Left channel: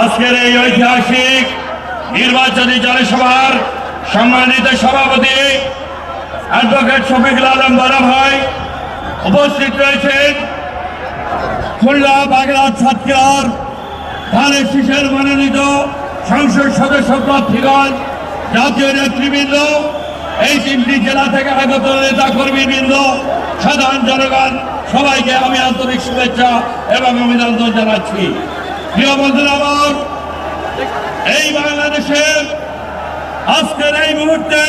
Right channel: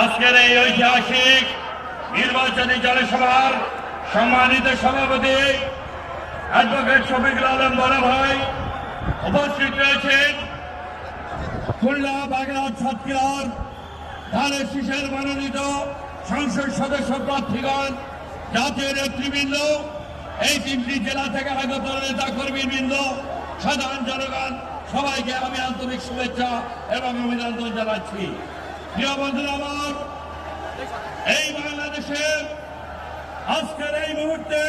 আজকের এই ঐতিহাসিক নির্বাচনী জনসভার সম্মানিত সভাপতি অ্যাডভোকেট শফিকুল আলম বড় ভাই উপস্থিত রয়েছেন। খুলনা বাগেরহাট সাতক্ষীরার ধানের শীষের মনোনীত সংসদ সদস্য প্রার্থীগণ, জাতীয় নেতৃবৃন্দ, এই তিনটি জেলা থেকে আগত নেতা কর্মীবৃন্দ, সাধারণ জনগণ, সবাইকে আমি আন্তরিক শুভেচ্ছা এবং অভিনন্দন জানাচ্ছি। প্রিয় বন্ধুরা আমার, এই বাংলাদেশের আজকের এই মুহূর্তে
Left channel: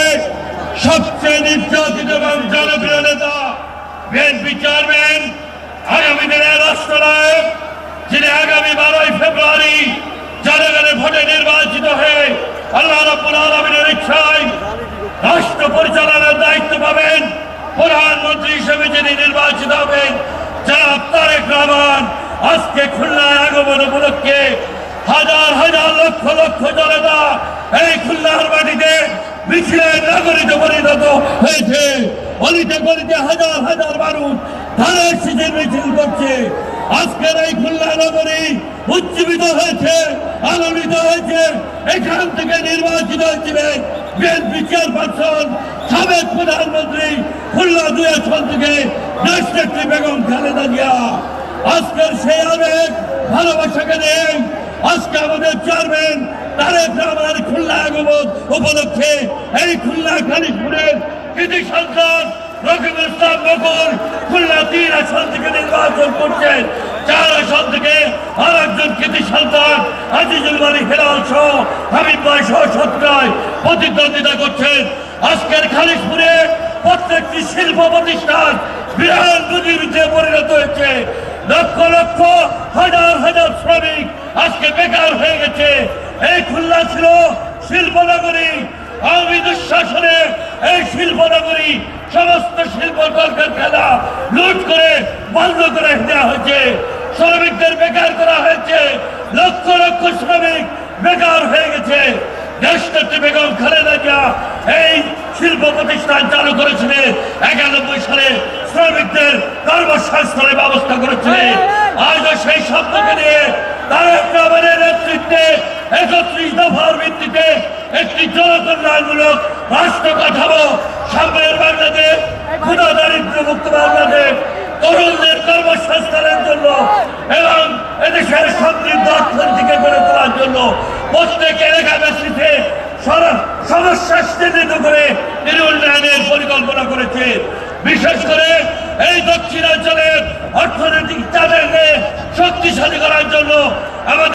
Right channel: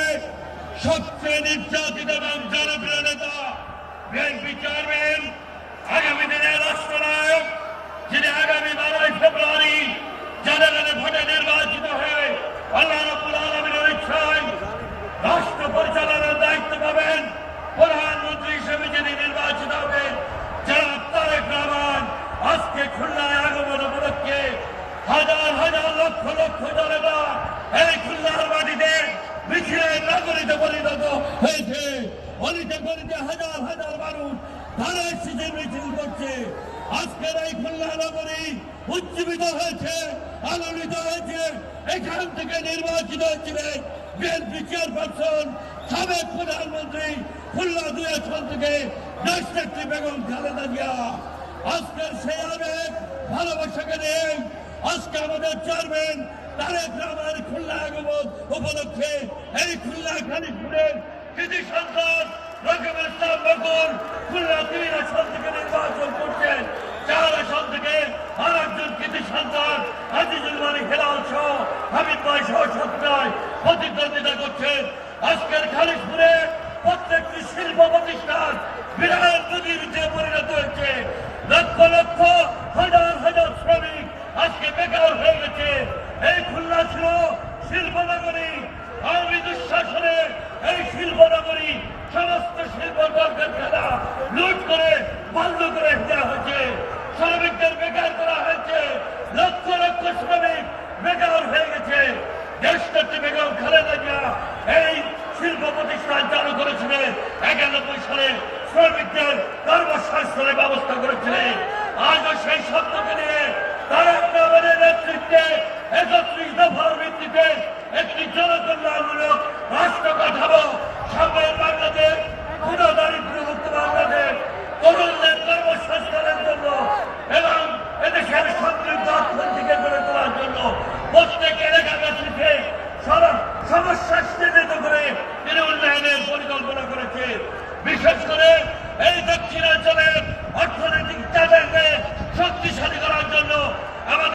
সবচেয়ে নির্যাতিত এবং জনপ্রিয় নেতা বিএনপি চেয়ারম্যান, আগামী দিনের রাষ্ট্রনায়ক, যিনি আগামী 12ই ফেব্রুয়ারি জনগণের ভোটে নির্বাচিত হয়ে আল্লাহ রাব্বুল আলামিনের ইচ্ছায় রাষ্ট্র পরিচালনার দায়িত্ব পাবেন, প্রধানমন্ত্রী হিসেবে যিনি নির্বাচিত হবেন জনাব তারেক রহমান, আজকে খুলনায় আগমন উপলক্ষে হাজার হাজার লক্ষ লক্ষ জনতা এই খুলনার মাটিতে মিছিলের নাগরিকে পরিণত হয়েছে। অলিতে গলিতে হাজার হাজার মানুষ ধানের শীষের মিছিল করছে। আজকের এই খুলনা নগরী উজ্জীবিত হয়েছে, আলোড়িত হয়েছে। এখান থেকে নির্বাচিত হয়েছিলেন বিএনপি চেয়ারপারসন, সাবেক প্রধানমন্ত্রী, খুলনা 2 আসন থেকে দেশনেত্রী বেগম খালেদা জিয়া। আজকের সেই আবেগ ভালোবাসাকে নেই আজকে আমাদের চেয়ারম্যান তারেক রহমান খুলনা আগমন উপলক্ষে এই খুলনা খালিশপুরের কৃতি সন্তান রকিবুল ইসলাম বকুল খুলনা 3 আসন থেকে নির্বাচন করছেন। 4 আসন থেকে আর একজন কৃতি সন্তান আজিজুল মালিক হেলাল সহ হাবিব ভাই সহ 17 প্রতিদ্বন্দ্বিতা করছেন। আজকের খালিশপুরে প্রত্যেকটি শিল্প প্রতিষ্ঠান বিরাট নদীতে পরিণত হয়েছে। লক্ষ লক্ষ হাজার হাজার শ্রমিক আজকে বেকার হয়ে গেছে। এই খুলনা ছিল শিল্পনগরী। আওয়ামী দুঃশাসনে এই শিল্পনগরী সমস্ত শিল্প কলকারখানা লুট করে বন্ধ করে দেওয়া হয়েছে। শ্রমিকদের বেকার করা হয়েছে। লক্ষ লক্ষ শ্রমিক বেকার হয়ে গেছে। দেশনেত্রী বেগম খালেদা জিয়া এই শিল্প প্রতিষ্ঠান চালু করেছিলেন। 91 সালে শ্রমিকদের কর্মসংস্থানের ব্যবস্থা করেছিলেন। আজও সেই শব্দকে নিয়ে তারেক রহমানের নেতৃত্বে 31 দফার ভিত্তিতে একটি জনকল্যাণমূলক রাষ্ট্র কাঠামো, সামনের বাংলাদেশ, ক্ষুধা দারিদ্র মুক্ত বাংলাদেশ, তরুণদের কর্মসংস্থানের জন্য এবং এদেশের সমৃদ্ধ অর্থনীতিকে গড়ে তোলার জন্য প্রত্যেক এলাকাবাসীতে সমস্যা চিহ্নিত করে তিনি উন্নয়নের পরিকল্পনা করেছে। বিশেষ করে এই দক্ষিণাঞ্চলের অর্থনৈতিক চাঁদাকে শক্তিশালী করার জন্য আমাদের